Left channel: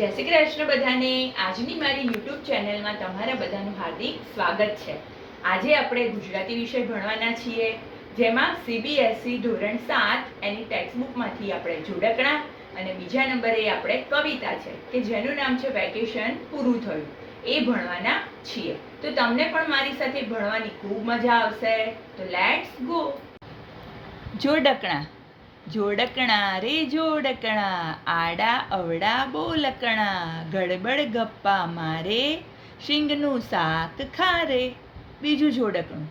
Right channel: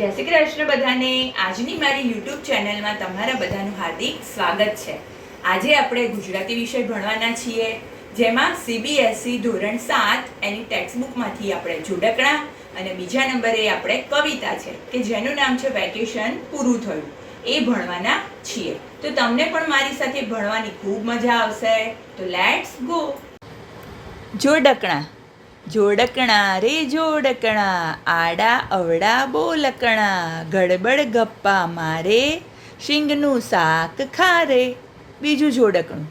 જય શ્રી કૃષ્ણ બધાને. આજની મારી યુટ્યુબ ચેનલમાં તમારા બધાનું હાર્દિક સ્વાગત છે. આજે આપણે ગુજરાતી વિષય ભણવાના છીએ, જેમાં CBSE ધોરણ 7 એની ટેક્સ્ટબુકમાંથી આપણે જોડકણા અને બીજા નંબરે આપણે કવિતા છે કે જેનું નામ છે વેકેશન પૂરું થયું, એ ભણવાના છીએ. તો તમને પણ મારી સાથે ભણવાની ખૂબ મજા આવશે. તો લેટ્સ ગો. જોડકણા. જોડકણા રે જોડકણા, આડા અવડા બોલકણા, ગડબડ ગપ્પા મારે, શીંગનું શાક ખારે. બીજું જોડકણું.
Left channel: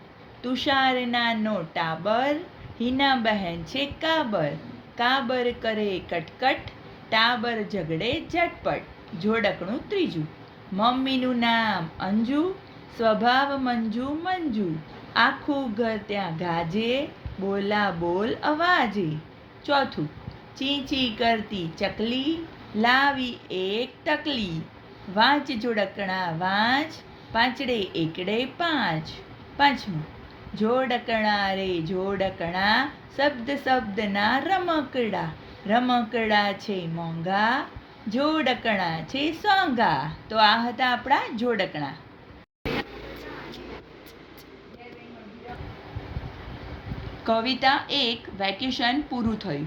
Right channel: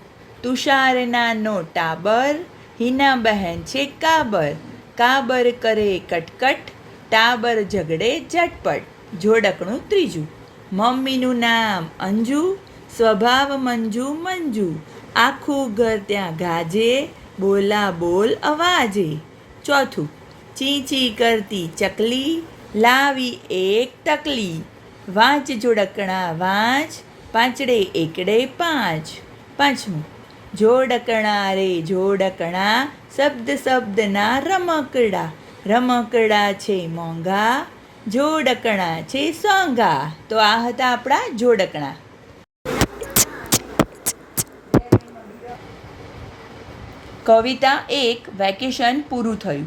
તુષારના નો ટાબર, હિના બહેન છે કાબર, કાબર કરે કટકટ, ટાબર ઝઘડે ઝટપટ. જોડકણું ત્રીજું. મમ્મીનું નામ અંજુ, સ્વભાવ મંજુ મંજુ, આખું ઘર ત્યાં ગાજે, બોલા બોલ અવાજે. ચોથું. ચી ચી કરતી ચકલી, લાવી એક તકલી, વાંચ જોડકણા વાંચ, પાંચડે એકડે પાંચ. પાંચમું. જોડકણા રે જોડકણા, શબ્દ શબ્દના રમકડા, રમકડા છે મોંઘા, જોડકણા છે સોંગા. તો આ હતા આપણા જોડકણા. કવિતા 1. વેકેશન પૂરું થયું.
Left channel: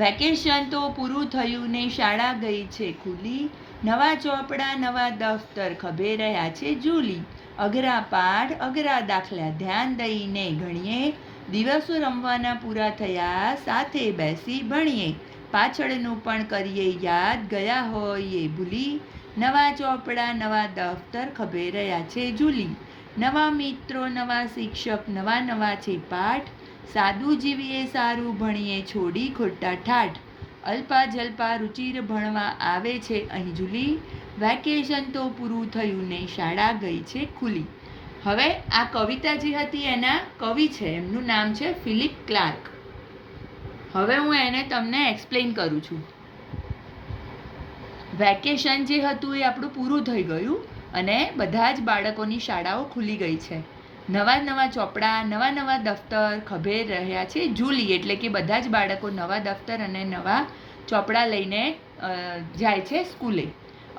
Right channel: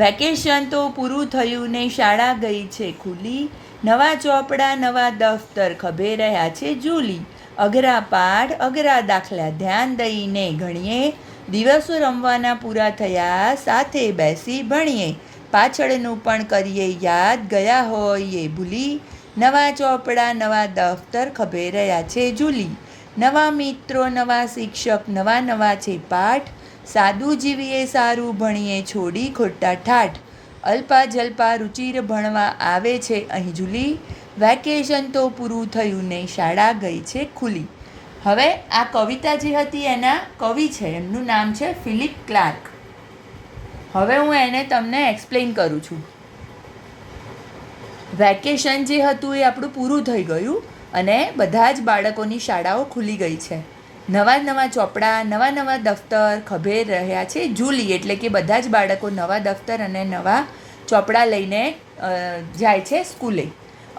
વેકેશન તો પૂરું થયું ને શાળા ગઈ છે ખુલી, નવા ચોપડા નવા દફતર ખભે રહ્યા છે ઝૂલી, અઘરા પાઠ અઘરા દાખલા ધ્યાન દઈને ગણીએ, દિવસો રમવાના પૂરા થયા સાથે બેસી ભણીએ, પાછળનું પણ કરીએ યાદ ગયા હોય એ ભૂલી, નવા ચોપડા નવા દફતર ખભે રહ્યા છે ઝૂલી, નવા મિત્રો નવા શિક્ષક નવા નવા છે પાઠ, સાદું જીવીએ સારું ભણીએ છોડી ખોટા ઠાઠ, અલ્પા જલ્પા રુચિર ભણવા આવે છે અહીં ઝૂલી, વેકેશન તો પૂરું થયું ને શાળા ગઈ છે ખુલી. હવે આ કવિતા જે હતી એના કવિ છે, એમનું નામ છે ફિલિપ ક્લાર્ક. હવે હું એને તમને એક્સપ્લેન કરું છું. વેકેશન જે હતું એ આપણું પૂરું થઈ ગયું અને બધા જ બાળકોની શાળાઓ ખુલી ગઈ છે. નવા નવા ચોપડા નવા નવા દફતર ખભે રહ્યા છે ઝૂલી, એટલે કે બધા જ બાળકો નવા દફતર અને નવા ચોપડા લઈને જાય છે સ્કૂલે.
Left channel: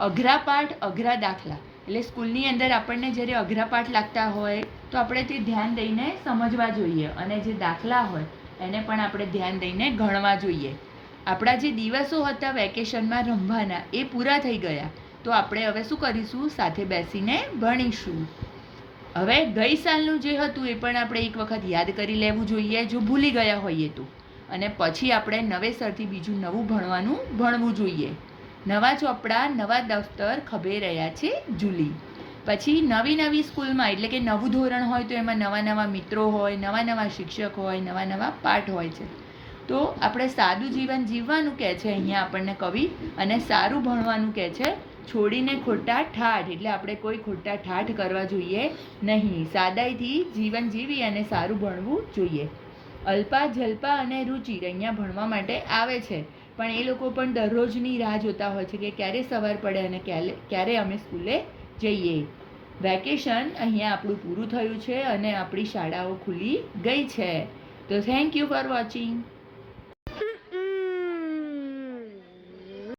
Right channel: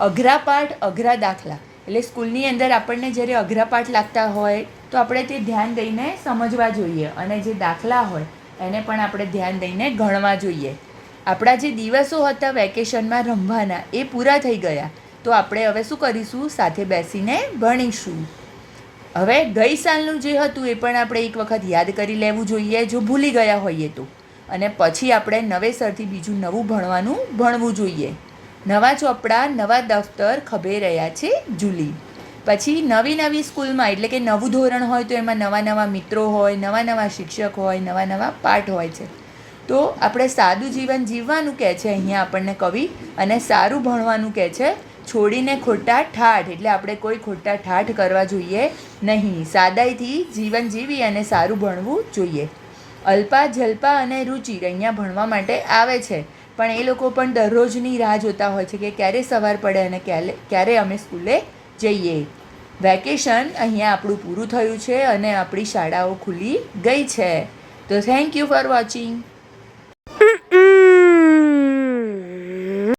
અઘરા પાઠ અઘરા દાખલા, એટલે સ્કૂલની અંદર આપણને જ્યારે અઘરા પાઠ લાગતા હોય તો આપણે તે ધ્યાન દઈને સમજવા જોઈએ, અને જે દાખલા હોય એને પણ આપણે ધ્યાન દઈને ગણવા જોઈએ. આપણા જે દિવસો હતા વેકેશનમાં રમવાના એ પૂરા થઈ ગયા, તો આપણે હવે શું કરીશું? સાથે બેસીને ભણીશું. હવે ગઈ સાલનું જે હતું એ પણ આપણે એક વખત યાદ કરી લેવું જોઈએ જો ભૂલી ગયા હોઈએ તો, અને પછી આપણે નવેસરથી બીજું નવું ભણવું જોઈએ. નવા ચોપડા નવા દફતર ખભે રહ્યા છે ઝૂલી. પછી નવી નવી સ્કૂલમાં, એટલે કે નવું ધોરણ હોય તો એમાં નવા નવા મિત્રો હોય, નવા નવા શિક્ષક હોય, નવા નવા પાઠ હોય છે. તો આપણે સાદું જીવન જીવવાનું કહે છે અહીંયા આપણને કવિ, અને સારું ભણવાનું કહે છે, છોડીને ખોટા ઠાઠ, એટલે આપણે કોઈ ખોટા ઠાઠ કરવા જોઈએ નહીં. સાદાઈથી જીવન જીવી અને સારું ભણવું જોઈએ. અલ્પા જલ્પા અને રુચિર અહીંયા ભણવા માટે આવે છે, પણ એ લોકો પણ દરરોજની રાહ જોતા હોય છે કે ક્યારે સવાર પડે અને ક્યારે અમે સ્કૂલે જઈએ. વેકેશન અહીંયા આપણું પૂરું થયું છે અને આપણી શાળાઓ ખુલી ગઈ છે. તો થેન્ક યુ ફોર વોચિંગ.